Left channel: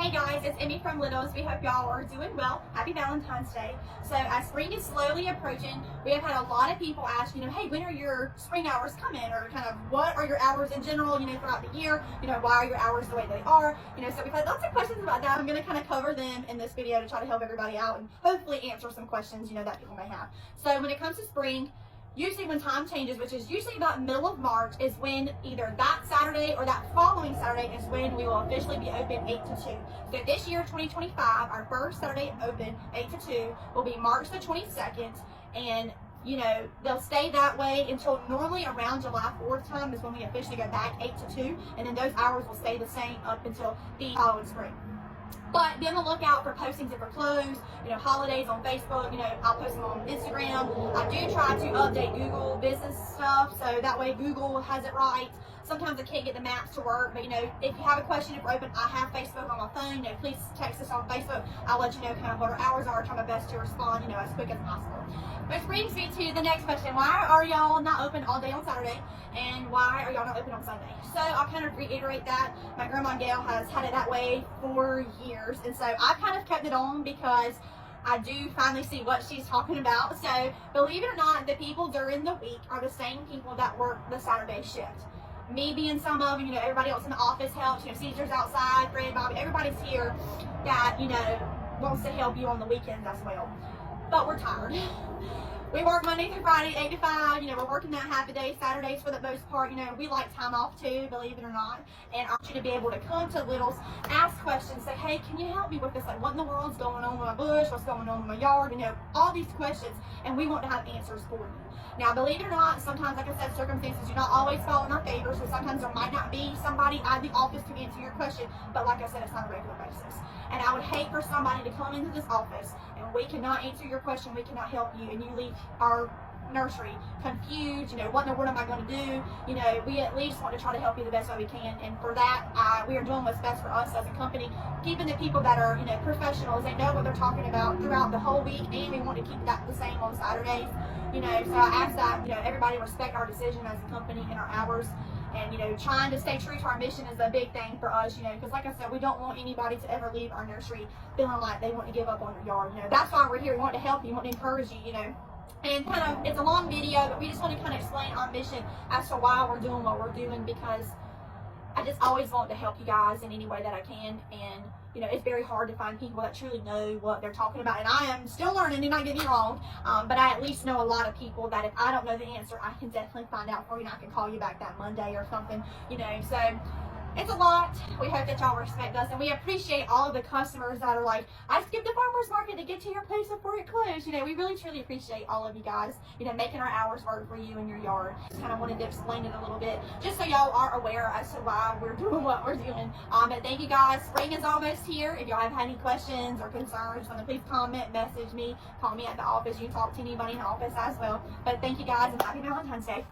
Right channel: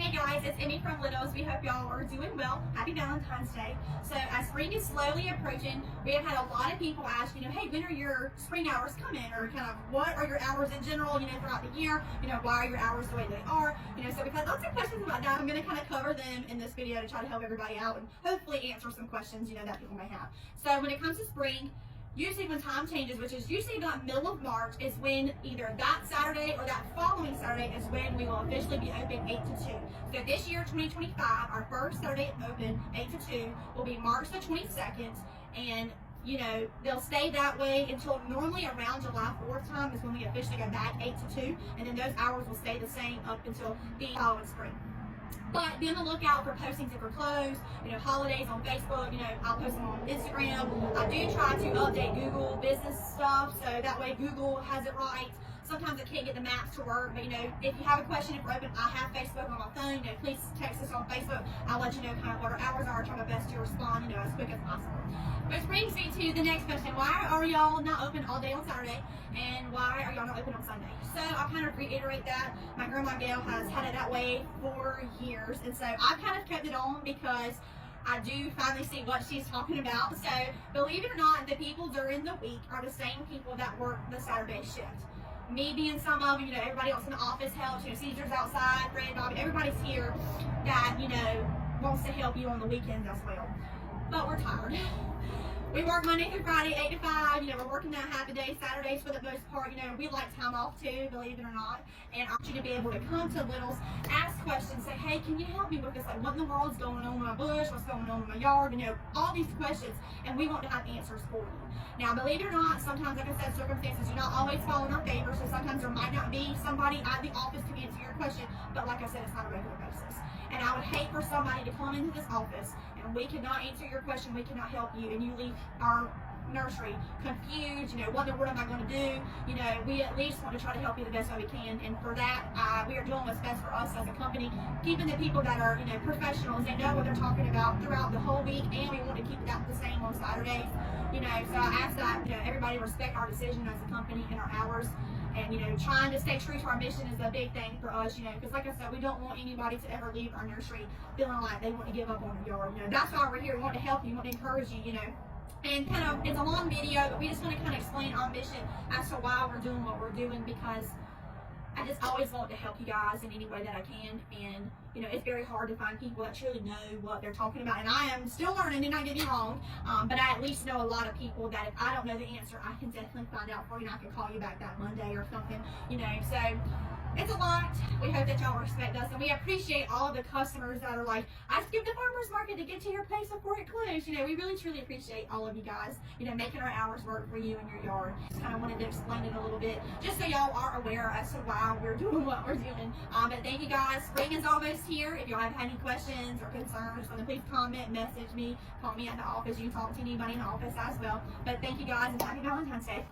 Hey guys, it's Emmy from Littles. We hope y'all are doing well. Happy Valentine's Day. So as spring is slowly approaching, we have had a lot of people ask, hey, when are your spring hours coming? Or kind of what are your hours in general, throughout the year? Why are your hours the way they are? So we've had lots of questions about that. I'm going to kind of cover them in this video to try to help everybody out and hopefully answer some questions, that people may have. So when it comes to spring, usually when time changes, which is usually about middle of March, is when either that Saturday or that following Saturday is when we will officially be open 8 to 2. So this year, 2025, our first Saturday open, 8 to 2, will be March the 22nd. And, they'll stay that way until normally around July 4th time is when we officially go back 8 to 2. And then those hours will stay the same up until the following spring. But be on the lookout for postings if we're closed, holidays on Facebook, I'll post them on Instagram. I do try to update Google business stuff, so that way Google has it right. Sometimes I can't get the maps to work, but if you have a question, if we're open, I have Facebook on my phone, please text us on Facebook. I'll let you know kind of what our hours are, try my best to respond, as quick as possible. Which brings me to the next question. Why are y'all not open all day on Saturday? And why are y'all not open on Sunday? So I'll kind of reiterate that. My grandma Gail has had it that way for years, and so I've kind of kept it on because I do finally see what she's talking about. So believe it or not, the people during the week are the same people that work the Saturday shift. Me being some of them, everybody else in the office helps, Caesar's outside, Fred, Bobby, everybody's here that, wants to help you on the weekends as well. But we're tired. We work Monday through Friday, 8 to 5. We're working that half a day, Saturdays for the most part. We like time off too, believe it or not. And I want you to be able to come to Littles, ask questions, say, hey, can you help me with this? Like, what in the world is going on with my bush? What's going on with my yard? All these questions. And we want to have answers for you. Now, believe it or not, sometimes, like I said, circumstances do not always fall in our favor. So sometimes there might not be somebody at the office to answer your question. But like I said, it's not a regular basis. And I would hate for somebody to come into this office and we cannot answer your question, we cannot help you, and you leave our nursery confused, what in the world am I going to do? We at least want to try to help you the best way we can, and for that, we are doing what's best for us as a company, keeping the people that are, professionals, they know what they're talking about throughout the whole week, and we want to keep that the same on Saturdays, so I ask that, everybody respect our decision as a company and our hours. And, trying to stay true to our mission is a big thing for us, because like I said, we don't want anybody to ever leave our nursery feeling like they want to give up on their yard. That's why we're here. We want to help you, we want to encourage you, And kind of, it's a long video, but we just want to kind of explain our mission as to why we're doing what we're doing, because I just always want to help you guys in any way that I can. And, it's very hard to find people that truly know what they're talking about. And I am still learning, do not get me wrong, but I at least know a lot of people that if I don't know the answer, I can definitely find out for you, and I can call you back that Monday or something, so it's a lot. We hope that y'all respect us, and we appreciate all of the customers that are like, I skipped the farmer's market to get to your place before it closed. We really truly appreciate all of you guys, making our hours work for you and your yard. Just kind of wanted to explain it a little bit, just so y'all are aware as to why we're doing what we're doing. But thank you guys. Spring is almost here. If y'all have any questions or concerns, please comment, message me, call me at the office. You can talk to anybody in the office as well. But thank you guys, and happy Valentine's Day.